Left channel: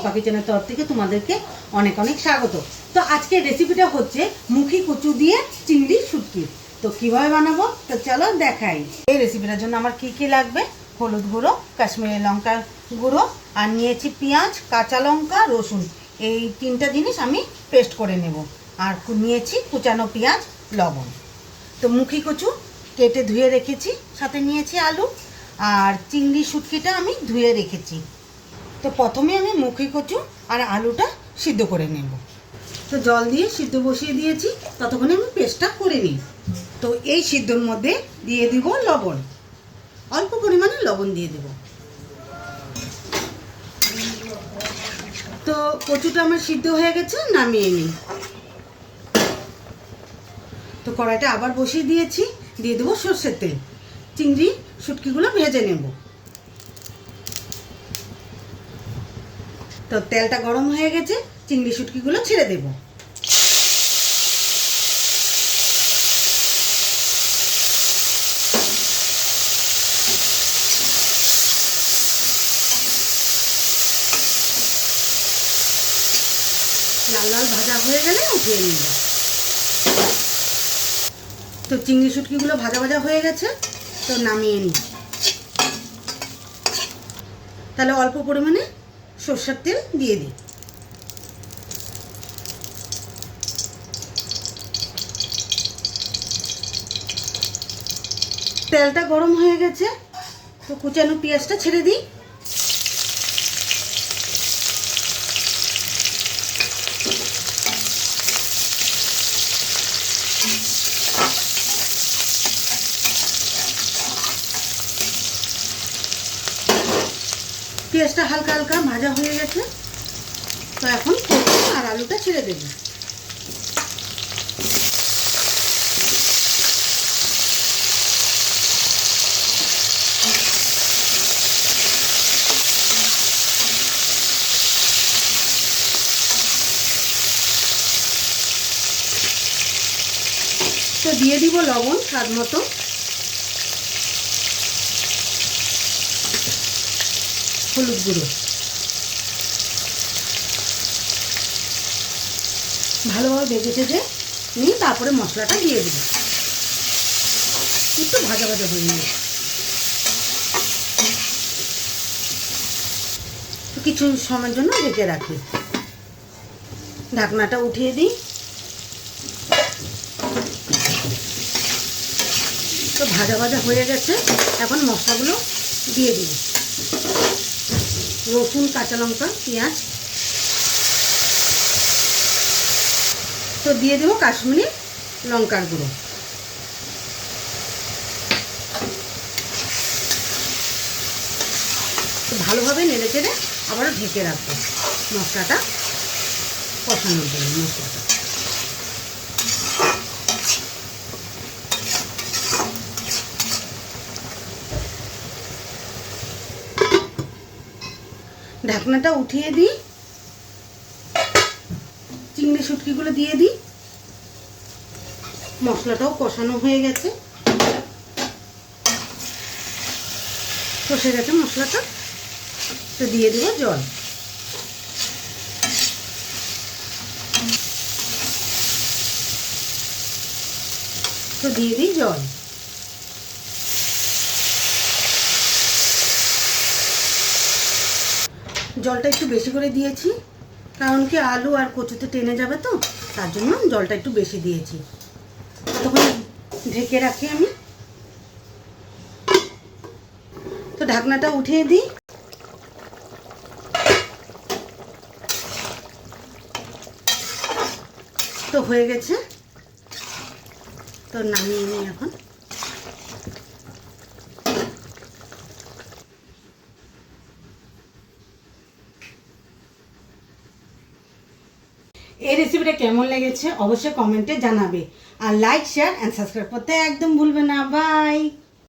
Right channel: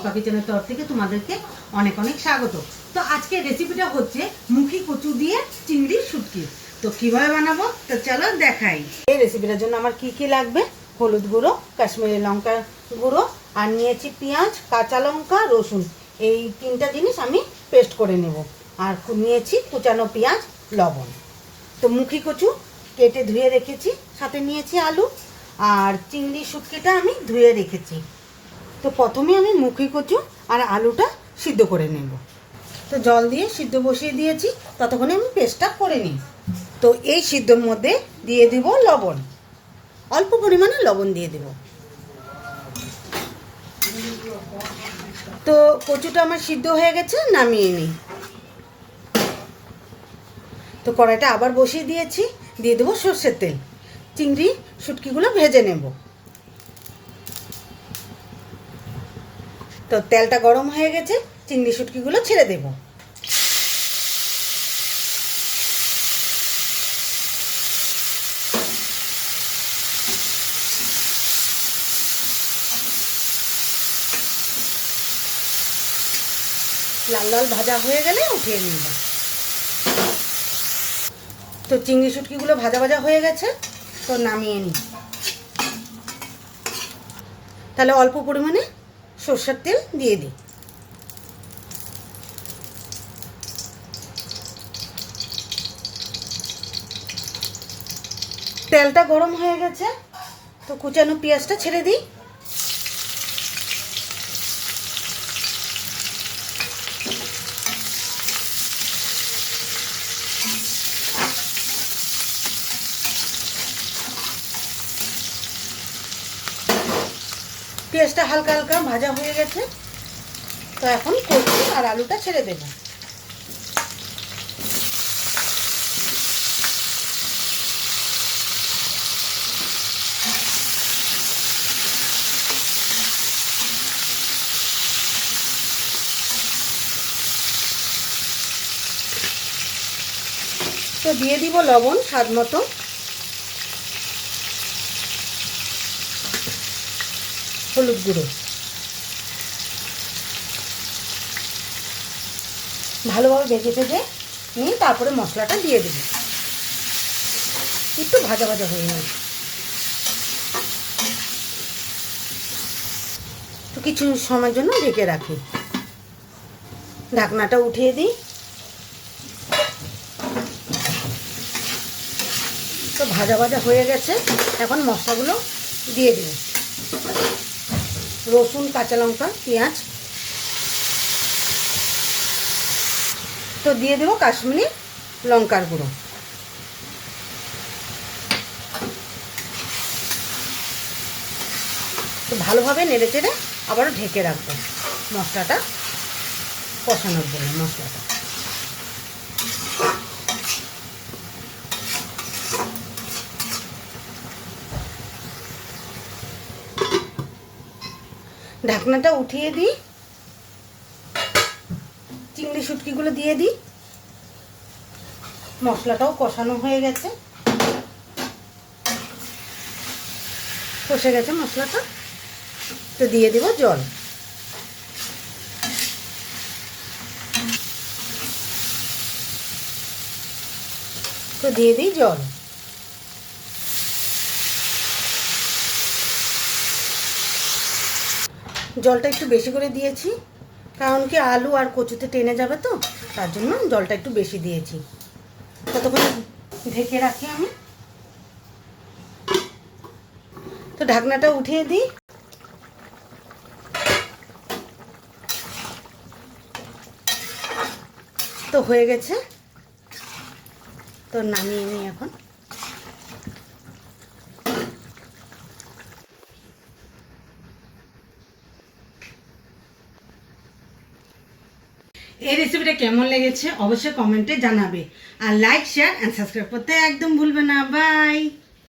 চম্পা কিচেনের তরফ থেকে তোমাদেরকে অনেক অনেক স্বাগত। তো আজকের রেসিপিটা হচ্ছে মুখি কচু দিয়ে চিংড়ি শুটকি। তো কীভাবে বানাবো? তো চলো দেখাই। এই রেসিপিটার জন্য আমার কি কি লাগবে? হলুদ গুঁড়ো, কাশ্মীরি লঙ্কা গুঁড়ো, আর নিয়েছি পেঁয়াজ, কাঁচা লঙ্কা, রসুন। এই তিনটা জিনিস আমি পেস্ট করে নেব। আর নিয়েছি কুচানো পেঁয়াজ, লবণ। তো মুখি কচু কেটে ধুয়ে রেখেছি, সাথে নিয়েছি আলু। আর চিংড়ি শুটকিটা আমি ধুয়ে রেখেছি। তো প্রথমে আমি মুখি কচু আর আলুটা সিদ্ধ করে নেব। তো জল দিয়ে সিদ্ধ বসিয়ে দিয়েছি, ততক্ষণে আমি পেস্টটা করে নিই। তো এই সিদ্ধর মধ্যে দিয়ে দিব লবণ। অল্প পরিমাণে লবণ দিয়ে দিব। তো কচুটা আমার সিদ্ধ হয়ে গেছে, নামিয়ে নিই। তো কড়াইটা আবার বসিয়ে দিয়েছি, দিয়ে দেবো সর্ষের তেল। চিংড়ি, শুটকিগুলো ভেজে নেব। তো তেলটা গরম হয়ে গেছে, চিংড়ি শুটকিগুলো ছেড়ে দেব। লাল লাল ভাজা হয়ে গেলে উঠিয়ে নিব। তো চিংড়ি শুটকিগুলো ভাজা ভাজা হয়ে গেছে, তো নামিয়ে নিই। তাহলে অল্প পরিমাণে সর্ষের তেল দিয়ে দিই। তেলটা গরম হয়ে গেছে তো কুচানো পেঁয়াজটা ছেড়ে দিই। পেঁয়াজটা হালকা হালকা ভাজা হয়ে গেছে। তো এখন আর আলুটা ছেড়ে দেবো। তো দিয়ে দিব লবণ স্বাদ মতো। হলুদ গুঁড়ো। ভালোভাবে ভেজে ভেজে নিয়ে তারপরে মশলাটা দিয়ে দেব। একটু ভাজা ভাজা হয়ে তো কিছু সময়ের জন্য ঢেকে রাখি। ঢাকনাটা উঠিয়ে দিই। তো ভাজা ভাজা হয়ে গেছে। এখন মশলাগুলো দিয়ে দিই। রসুন, কাঁচা লঙ্কা, পেঁয়াজ। তো দিয়ে দেবো কাশ্মীরি লঙ্কার গুঁড়ো। ভালোভাবে নেড়ে চেড়ে আবারও ঢেকে রাখব। মশলাটা কষানোর জন্য, মশলাটা। ঢাকনাটা উঠিয়ে দিই। চিংড়ি শুটকিগুলো দিয়ে দিই। মশলাটাও কষানো হয়ে গেছে। কষে গেছে মশলাটা। তো দিয়ে দেবো জল। তো দিয়ে দিই জল। জলটা একটু বেশি করে দিয়েছি। কারণ কি আলু আর কচুতে টেনে যাবে তো, তার জন্য জলটা একটু বেশি দিয়েছি। ততক্ষণ ঢেকে রাখি আমি। তো ঢাকনাটা উঠিয়ে দিই। তো হয়ে গেছে। তো নামিয়ে নিই এখন। এই রেসিপিটা কেমন লেগেছে অবশ্যই কমেন্টে জানাবে। আর লাইক শেয়ার অ্যান্ড সাবস্ক্রাইব করতে একদম ভুলবে না। বাই